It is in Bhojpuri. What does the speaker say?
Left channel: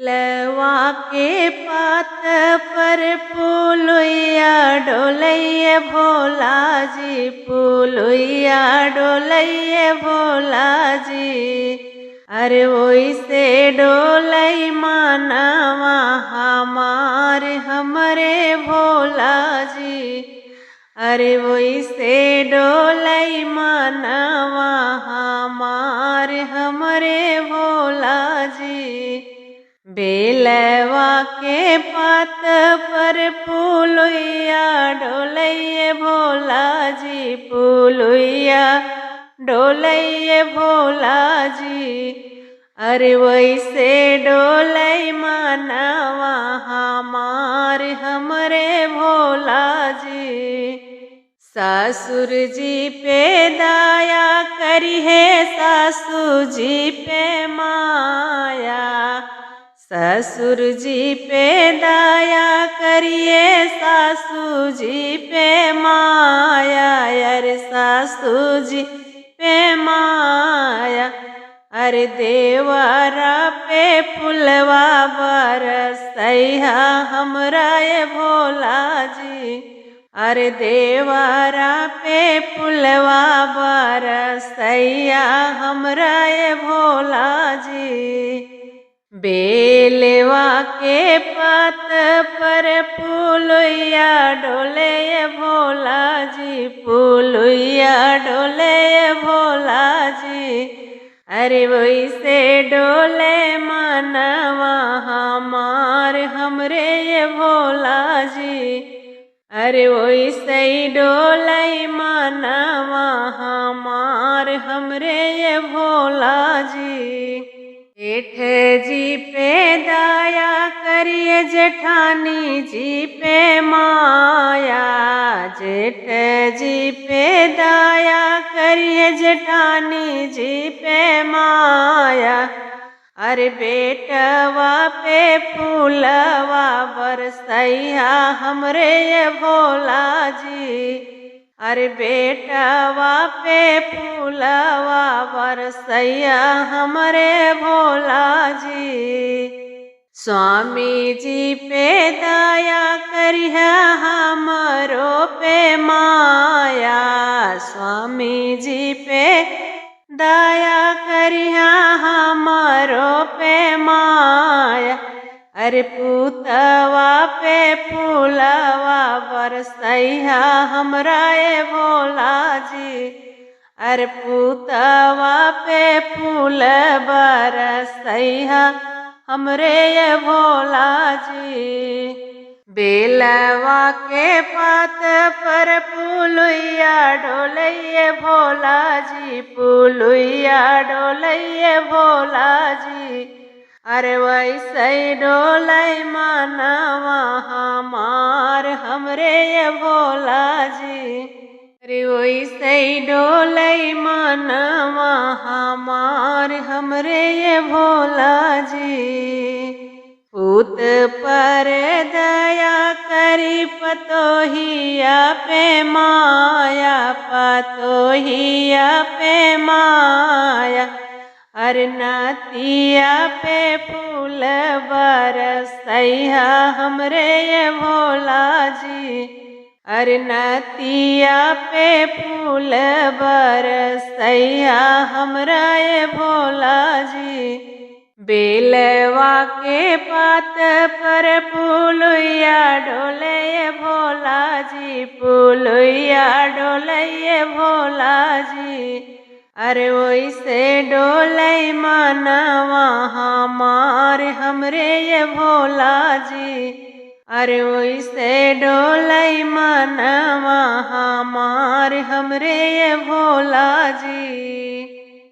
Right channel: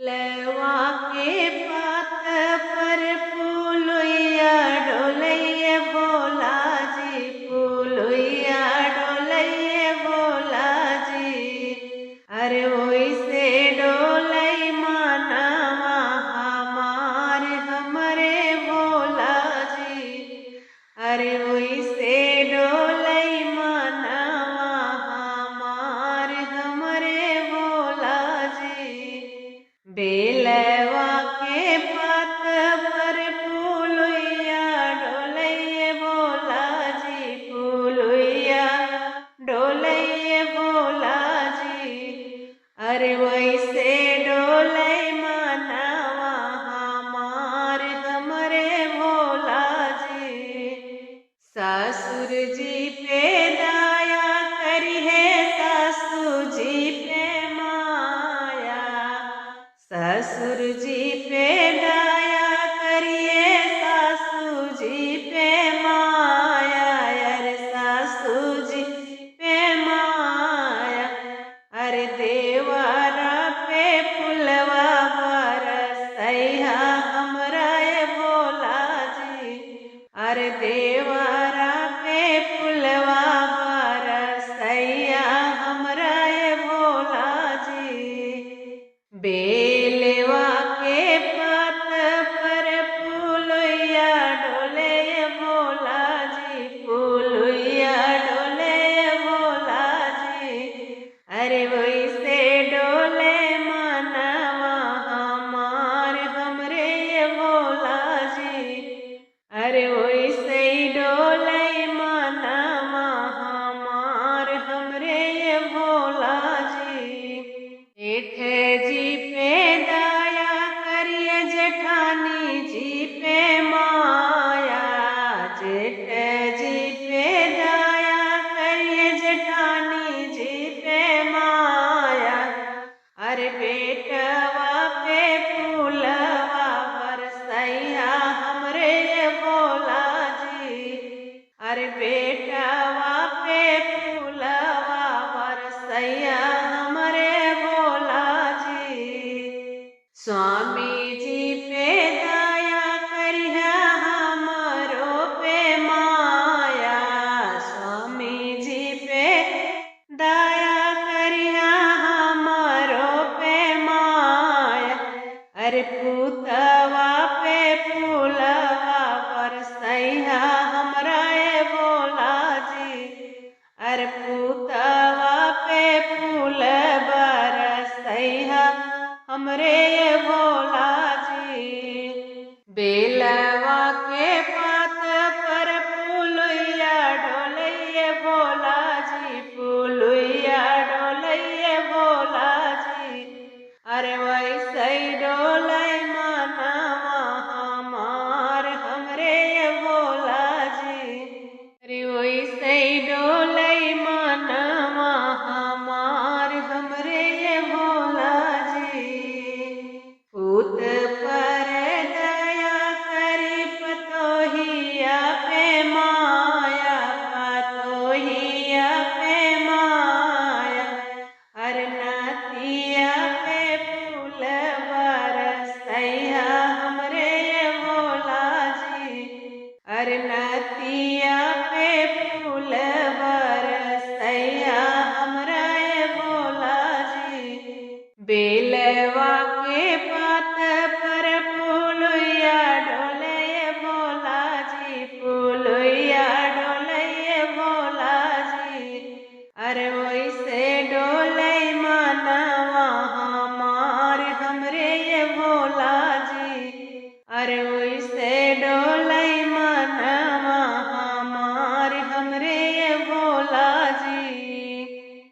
लवा के पात पर पुलुइया डोलैये भोला जी, पुलुइया डोलैये भोला जी। अरे ओइसे डोलै मानवा हमार हमरे भोला जी। अरे ओइसे डोलै मानवा हमार हमरे भोला जी। बेलवा के पात पर पुलुइया डोलैये भोला जी, पुलुइया डोलैये भोला जी। अरे वैसे डोलै मानवा हमार हमरे भोला जी। ससुर जी पे दया करिहे सासू जी पे माया, ससुर जी पे दया करिए सासू जी पे माया। अरे सासू जी पे माया, अरे देवरा पे फुलवा बरसैया हमरा ये भोला जी। अरे देवरा पे फुलवा बरसैया हमरा ये भोला जी। बेलवा के पात पर पुलुइया डोलैये भोला जी, पुलुइया डोलैये भोला जी। अरे वैसे डोले मानवा हमार हमरे ये भोला जी। अरे वैसे डोलै मानवा हमार हमरे ये भोला जी। जेठ जी पे दया करिए जेठानी जी पे माया, जेठ जी पे दया करिए जेठानी जी पे माया। अरे बेटवा पे फूलवा बरसैया हमरे ये भोला जी। अरे बेटवा पे फूलवा बरसैया हमरे भोला जी। स्वामी जी पे दया करिहे हमरो पे माया, स्वामी जी पे दया करिहे हमरो पे माया। अरे पुतवा पे फूलवा बरसैया हमरा ये भोला जी। अरे पुतवा पे फूल बरसैया हमरे ये भोला जी। बेलवा के पात पर पुलुइया डोलैये भोला जी, पुलुइया डोलैये भोला जी। अरे वैसे डोलै मानवा हमार हमरे ये भोला जी। अरे वैसे डोलै मानवा हमार हमरे ये भोला जी। पूत पर दया करी पतोहिया पे माया, पतोहिया पे माया। अरे नातिया पे फूल बरसैया हमरे ये भोला जी। अरे नातिया पे फूल बरसैया हमरा ये भोला जी। बेलवा के पात पर पुलुइया डोलैये भोला जी, पुलुइया डोलैये भोला जी। अरे वैसे डोलै मानवा हमार हमरे ये भोला जी। अरे वैसे डोलै